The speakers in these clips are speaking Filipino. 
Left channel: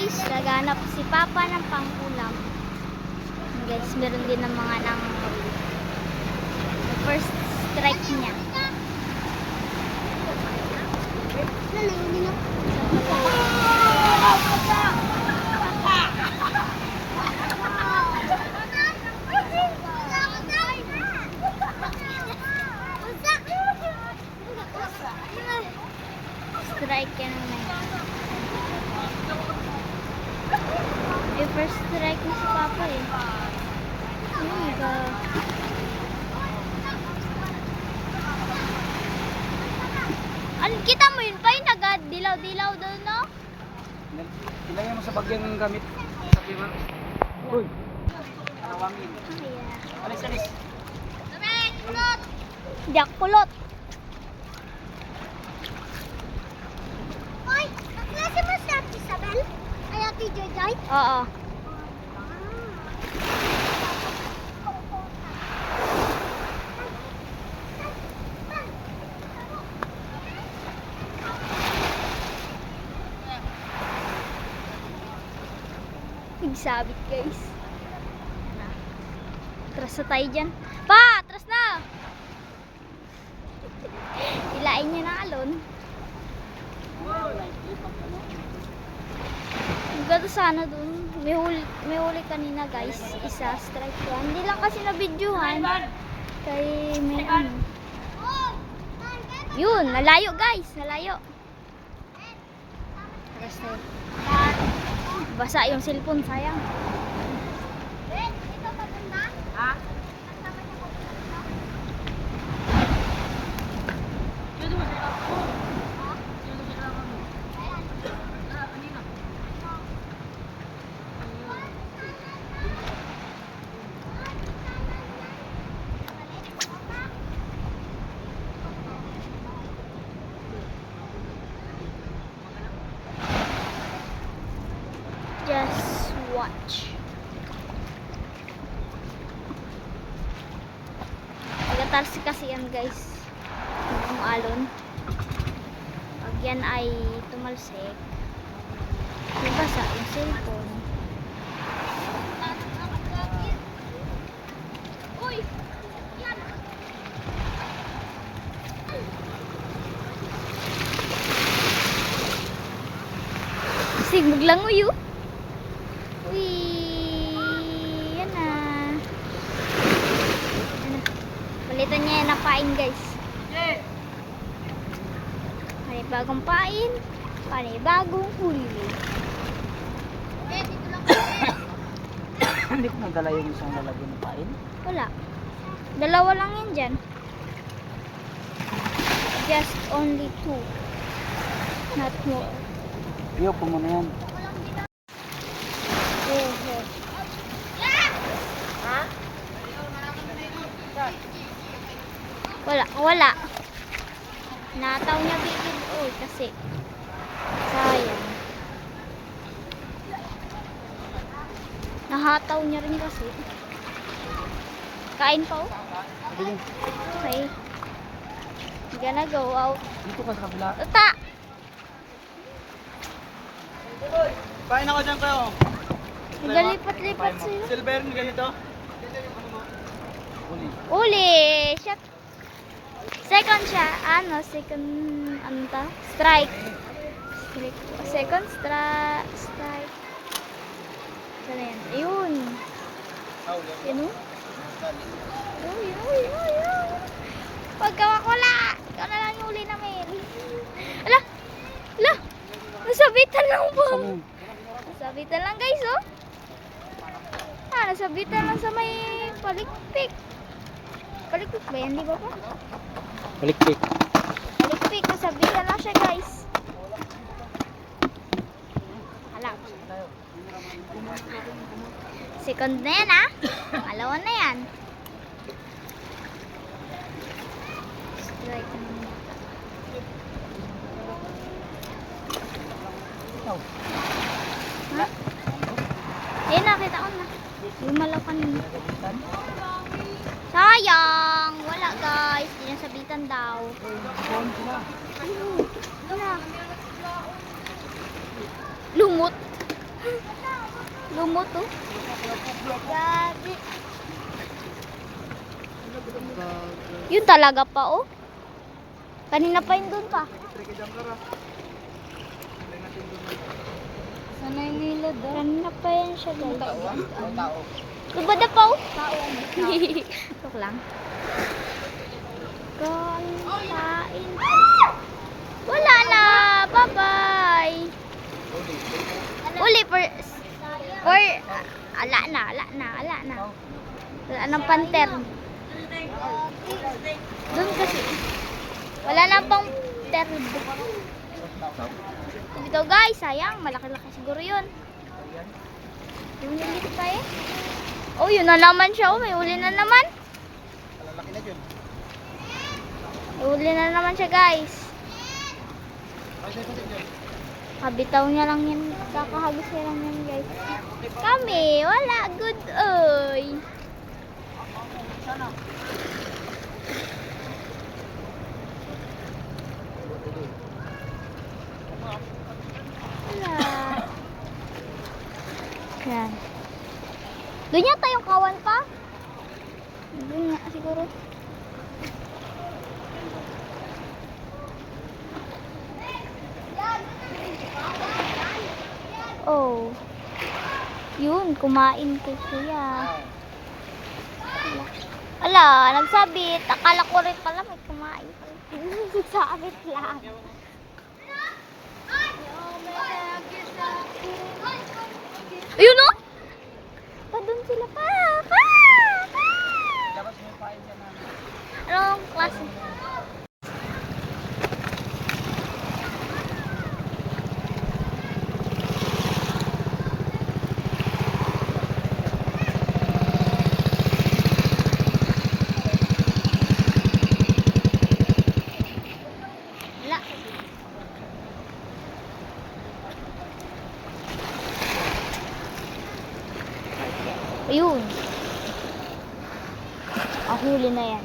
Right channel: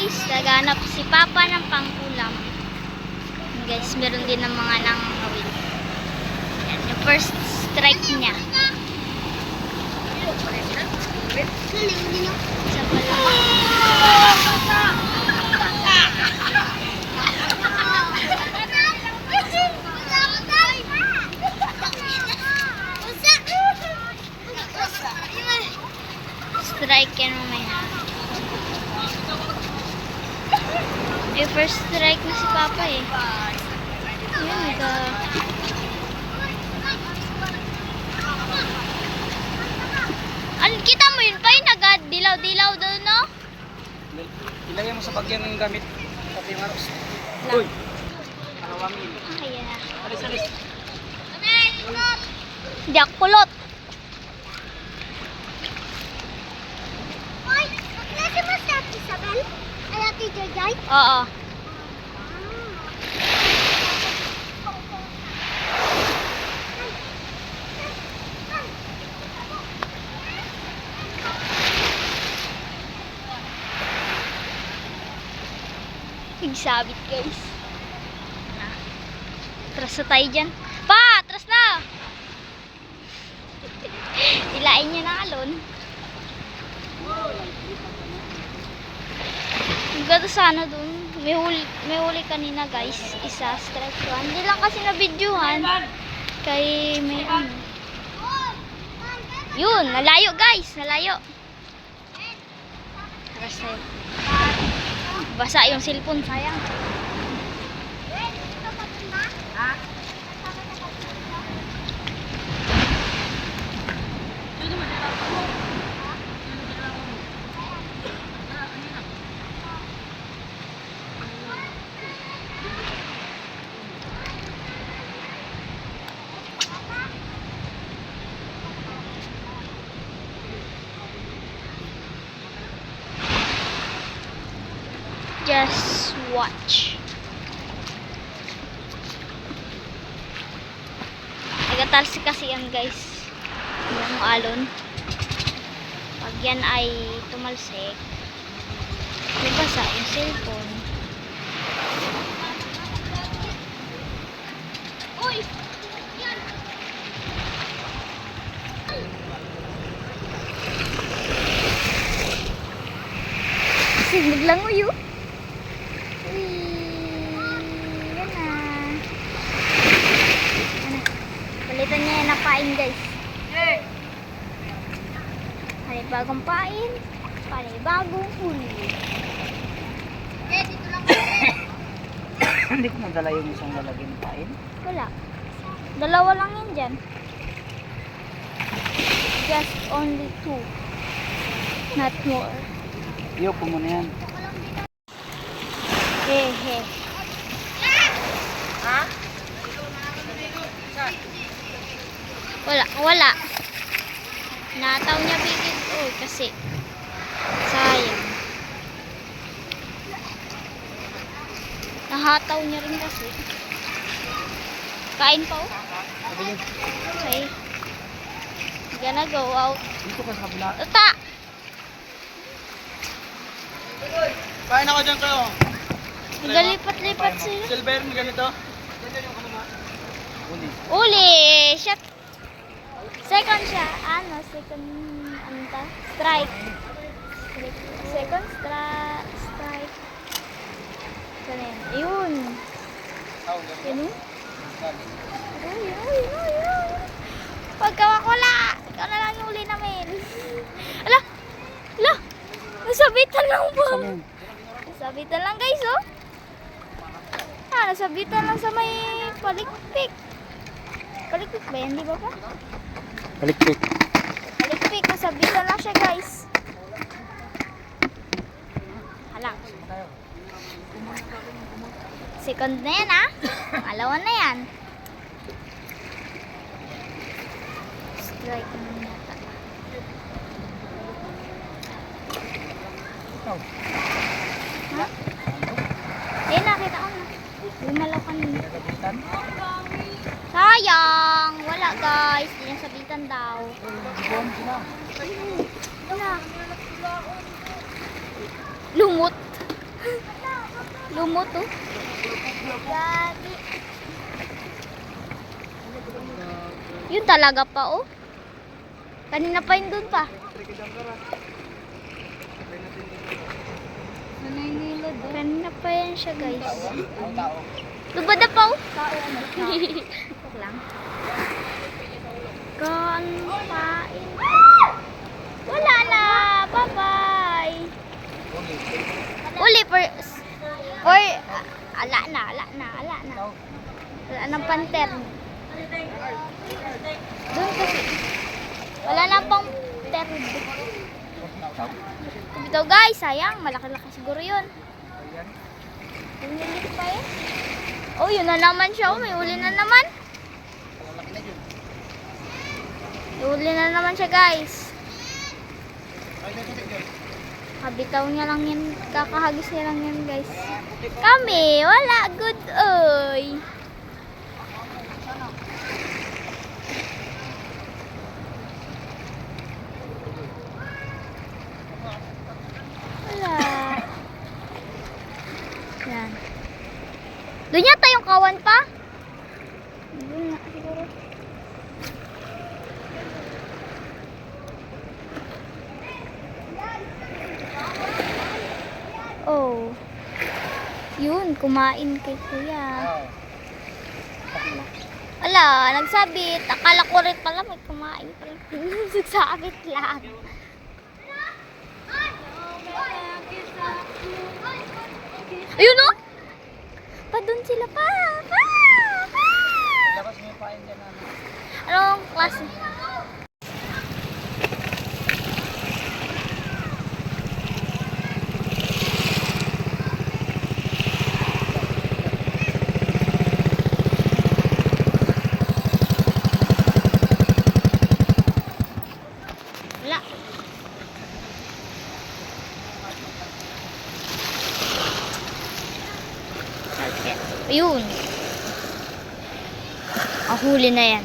guys, naghanap si Papa ng pangkulam. Guys, meron din ng mga nangangawin. Yan, yung first strike niya. Isa pa lang. Strike yan mamaya. Eh, first strike na si Papa eh. Yun, kita mo yun pa yung nagadilaw-dilaw doon, no? Ilagay mo sa bagyang gamit. Kape Maros. Uy! Awangin. Ah, yeah. Alis, alis. Hindi ako kulot. Oo. Nagsabit guys. Atras na tayo dyan. Pa! Atras na! Ilain niya na alon. Ang ganda sana dun. May huli kanina guys. Isa, strike 1. Hindi lang kasi na-videohan. Kay may ano. Yun, nalayo guys. Nalayo. Taras tayo. Basa yung cellphone, sayang. Ha? Just watch. Nagatalsi kasi yan guys. Yung alon. Pag yan ay tumalsik, basa yung cellphone. Uy! Kasi maglangoy yun. Palitan niya na pain guys. Panibagong pain, panibagong huli. Hindi ko nadala yung isang lalagyan ng pain. Wala. Dalawa lang yan dyan. Just only 2. Not more. Iyo po muna yan. Hehe. Wala. Nataw niya bigid. Oh, kasi sayang. Nahataw niya rin kasi. Kain pa oh. Okay. Gonna go out. Dito ka sa kabila. Uta! Kain ako dyan kayo. Nagalipat-lipat sila. Silver mo ganito. Uli! Shot! Second siya. Second, strike. Second strike. Saan yan? Ayun. Yun o? Yun. Pagkawakula! Ikaw na lang yung uli namin. Ala! Nasabitan lang po. Nasabitan lang guys oh. Nasabitan lang sa may palikpik. Palikpik ba yan? Di ba pa? Palikpik. Palikpik. Nasabitan lang siya guys. Hala. Second na yan ah. Alawan na yan. Strike na naman yata. Ha? Eh, nakita ko na. Lumalaw kanina. Sayang! Wala guys. Di nasabitan daw. Wala. Lumot. Lumot oh. Yun talaga pa oh. Kanina pa yun dun pa. Kanina pa yan siya guys. Lubada pa oh. Ito lang. Kain. Wala na. Bye-bye. Uli ala na. Wala nang panter. Doon kasi. Wala na pang ter. Ito guys, sayang. Malaki-laki siguro yun. Ulit pa eh. Oh, yun na naman siya. Oh, may uli na naman. May uli na naman siya guys. Kabitaw niya lang yan. Kakahagis niya lang yan guys. Kami, wala. Good oy. Wala. Yan. Doon yata yung kawan pa. Doon nga siguro. Oh. Yun, kumain kay kuya. Ala, nagsabit. Akala ko rin pala may kumain pala. Nagsabit lang. Ayun o! Pa doon sila pa! Anong klase? Wala. Okay. Ayun. Ang huli na yan.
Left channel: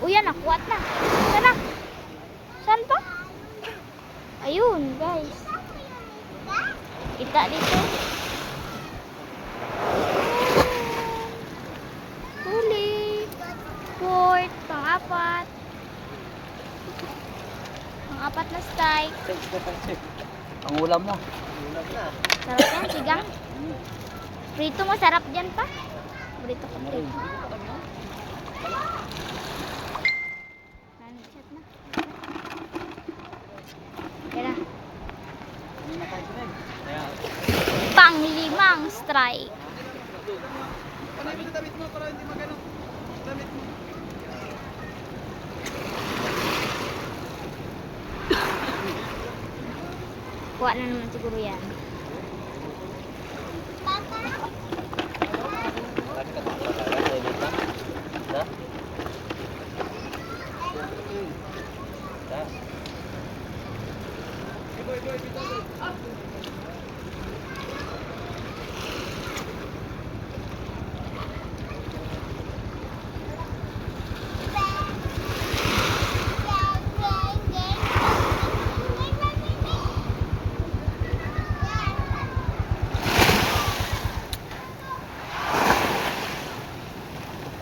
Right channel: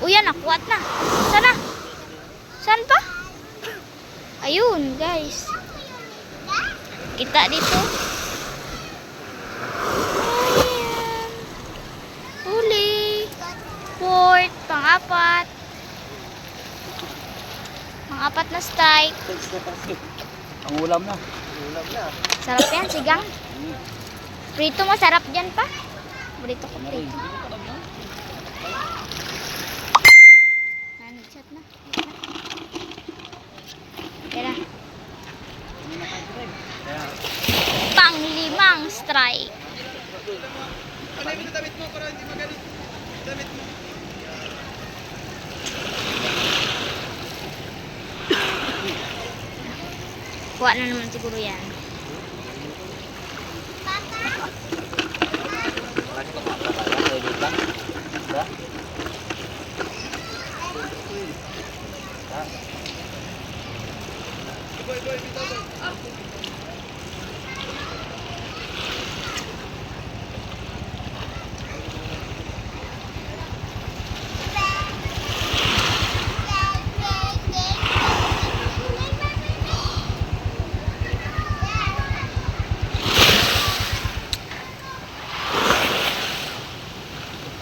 Uy, yan, nakuha na. Sana? Saan pa? Ayun, guys. Kita dito. Ayan. Huli. Fourth, pang-apat. Pang-apat na strike. Ang ulam na. Sarap yan, sigang. Prito masarap dyan pa. Prito ko prito. Nanisat na. Kaya na. Pang-limang strike. Kuha na naman siguro yan.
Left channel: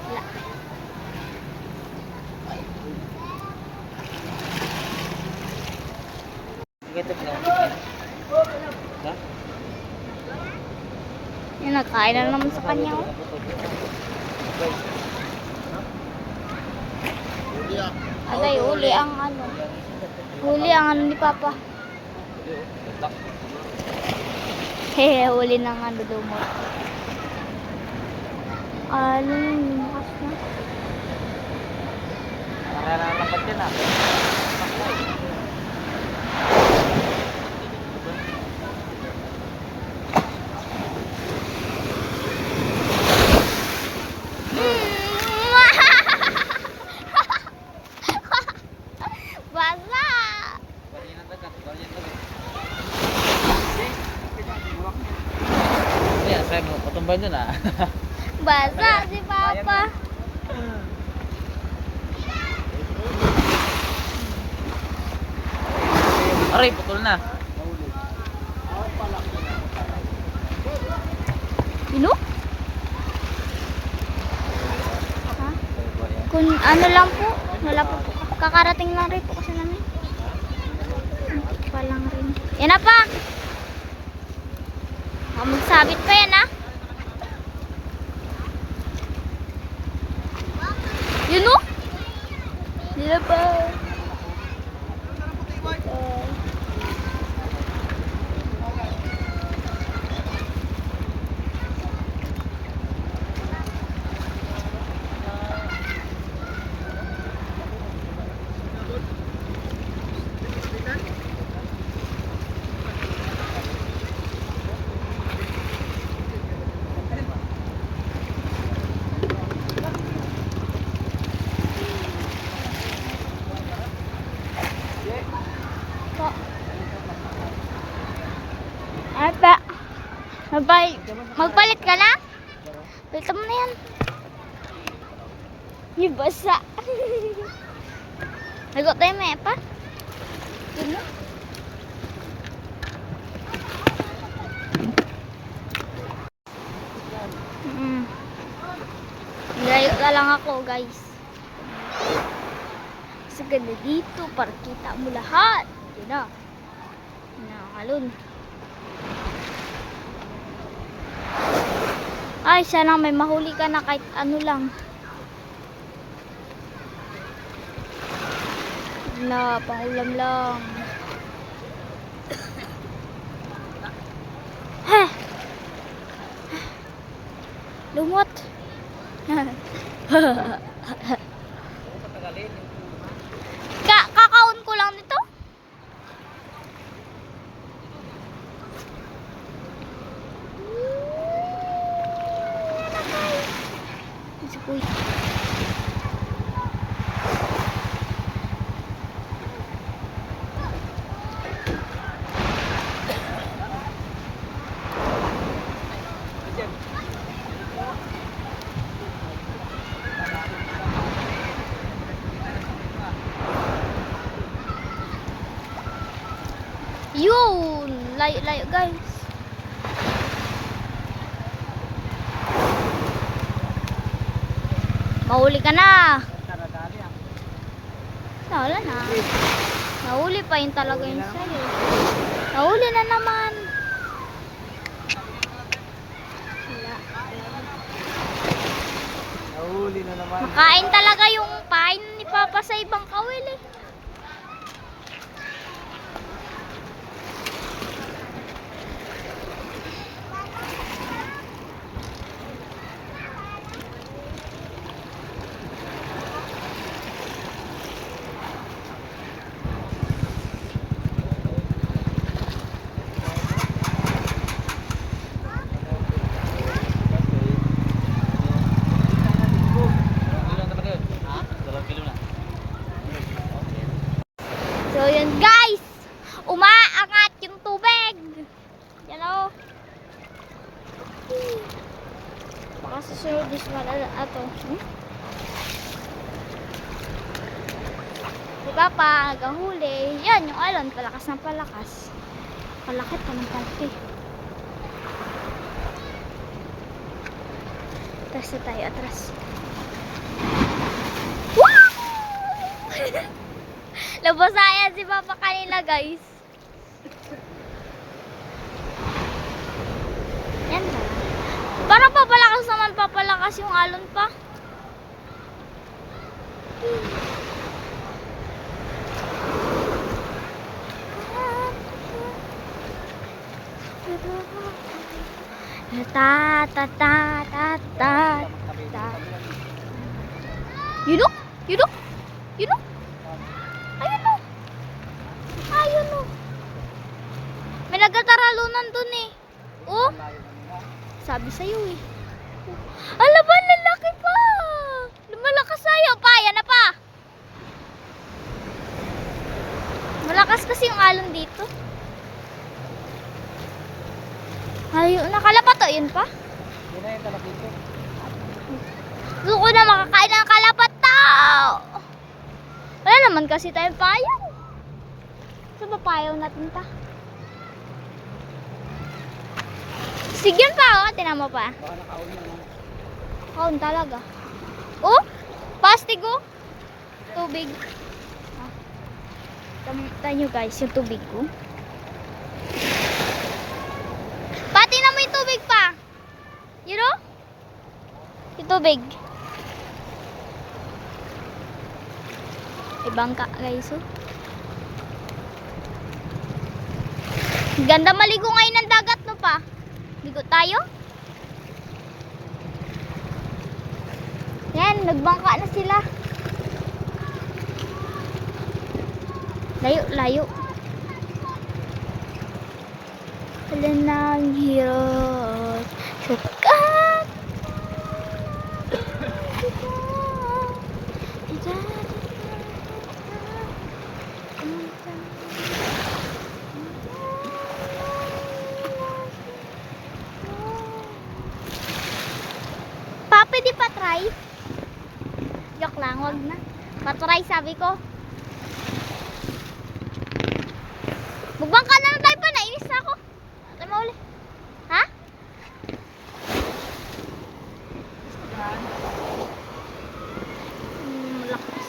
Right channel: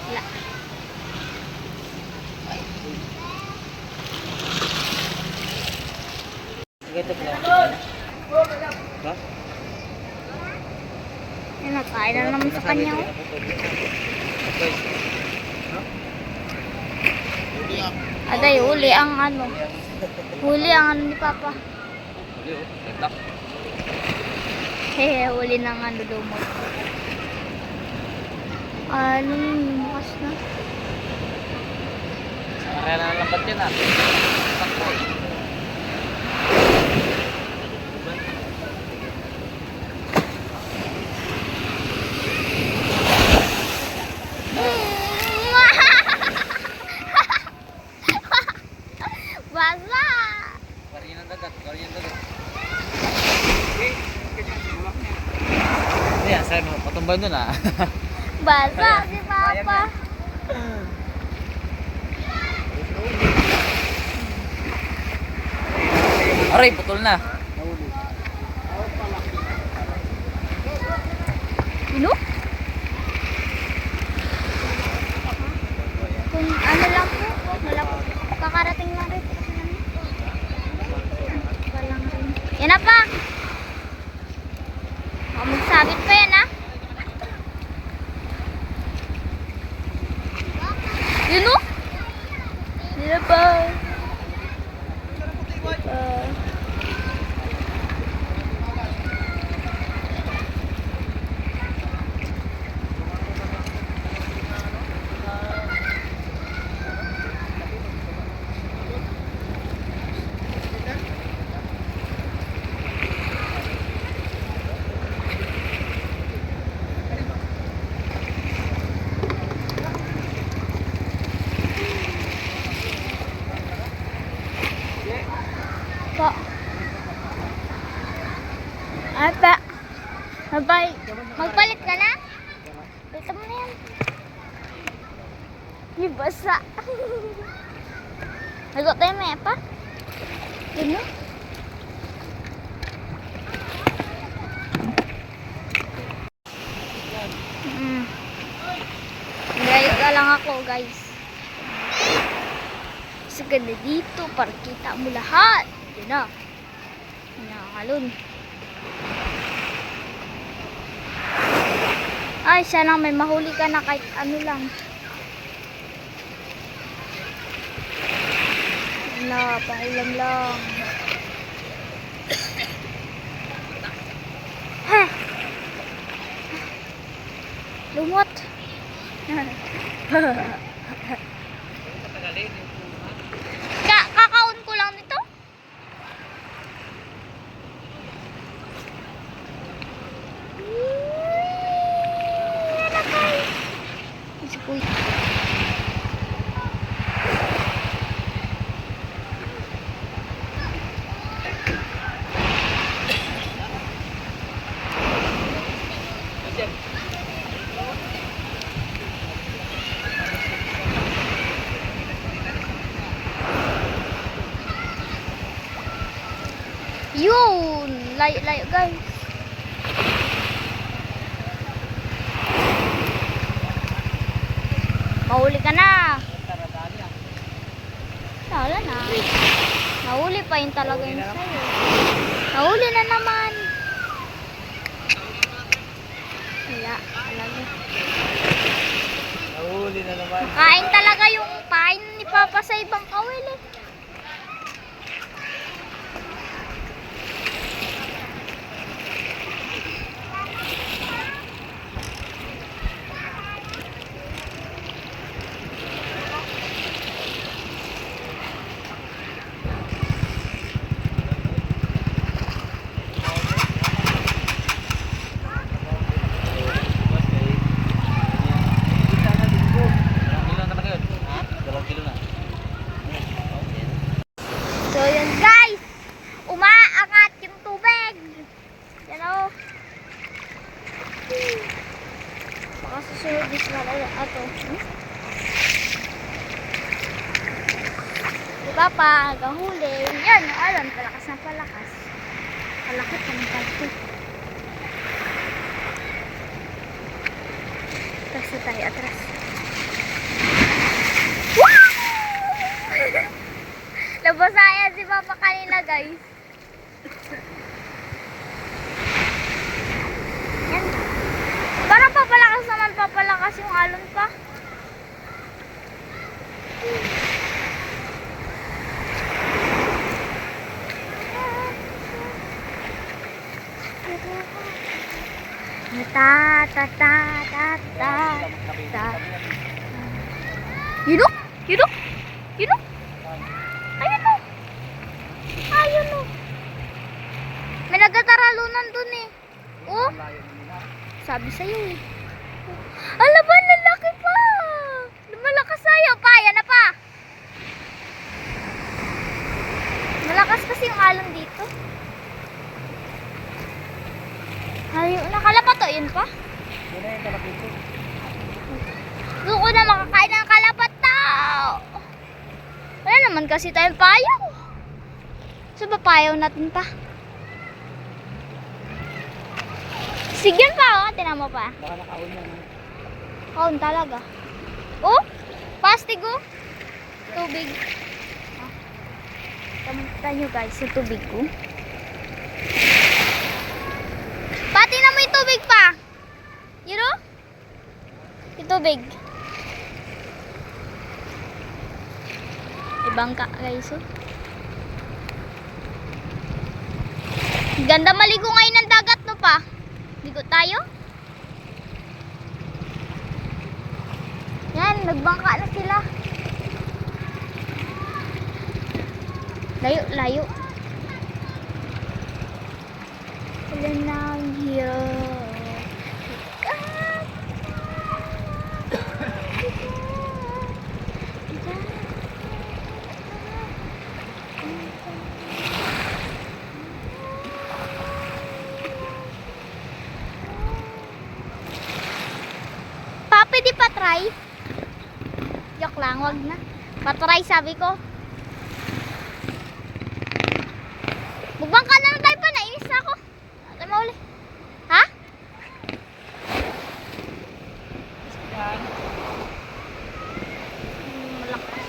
Wala. Yan, nagkain na naman sa kanya. Oh. Aday, huli ang ano. Huli ang ano ni Papa. Hehe, huli ng ano lumot. Ano yun, lumakas na. Kaya na lambat yan ah. Basta mo patumbay doon ah. Basa si Papa. Aray, putol na. Ano? Kung ano lang po, nalapot. Kakarating lang rin po kasi namin. Pa lang rin. Yan na pa! Magsabit pa yan, ha? Yun, o? Yan na pa. Po. Ata. Magpalit ka na? Palitan mo na yan. Yung basa. Nagot tayo may pa? Yun mo? Layo ka lang ako, guys. Kasi ganda dito para kita mo lahat. Yan na. Nakakalun. Ay, sana may mahuli ka na kahit ano lang. Wala, pangulam lang. Ha! Lumot. Kakaon ko lang nito. Uy. Yun, layo-layo guys. Mahuli ka na. Wala na. Nahuli pa yung talaga yung sa'yo. Nahuli na naman. Wala. Huli na naman. Makain talaga yung pain ni Papa sa ibang kawil eh. So yun guys, umaangat yung tubig. Yan o. Baka susunod is wala ato. Si Papa, nagahuli. Yan, alam, palakas na palakas. Palakot ka ng palakot. Atras na tayo, atras. Wow! Labasayan si Papa kanina guys. Yan ba? Parang papalakas naman, papalakas yung alon pa. Ta ta ta ta ta ta. You know? You know? You know? Ayun o. Ayun o. May nagtataralunan dun eh. Oh. Sabi sa'yo eh. Ala ba, lalaki pa. Lumalakas sa'yo pa. Yan na pa. Malakas kasi yung alon dito. Ay, nakalapat to. Yun pa. Wala yung talapin ko. Gusto ko na makakain ng kalapat tao. Wala naman kasi tayong payaw. So, papayaw natin pa. Sigyan pa, oh. Tinan mo pa. Baka nakaon na. Kaun talaga. Oh, pastig oh. Tubig. Oh. Kamusta nyo guys yung tubig ko. Pati na mo yung tubig pa. Yun oh. Yung tubig. Ibangka guys oh. Ganda maligo ngayon ng dagat no pa. Ligo tayo. Yan, nagbangka na sila. Layo, layo. Wala nang hirap. Sukat. Papi, di pa try? Joke lang, wag na. Patry sabi ko. Magbangka na lang tayo pa, nainis na ako. Ano mauli? Ha? Malakas.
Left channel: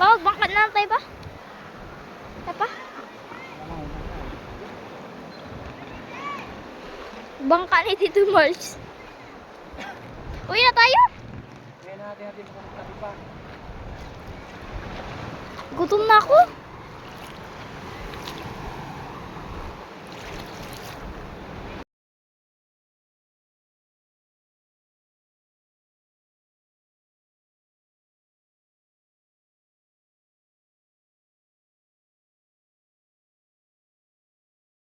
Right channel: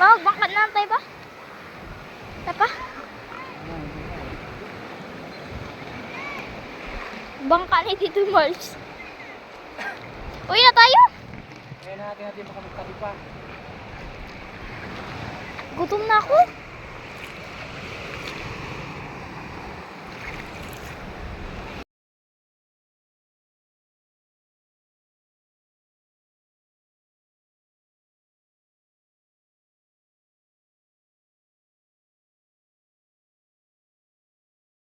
Pa, magbangka na lang tayo ba? Tayo pa? Bangka ni Tito Mars. Uwi na tayo? Kaya natin makamagkali pa. Gutom na ako.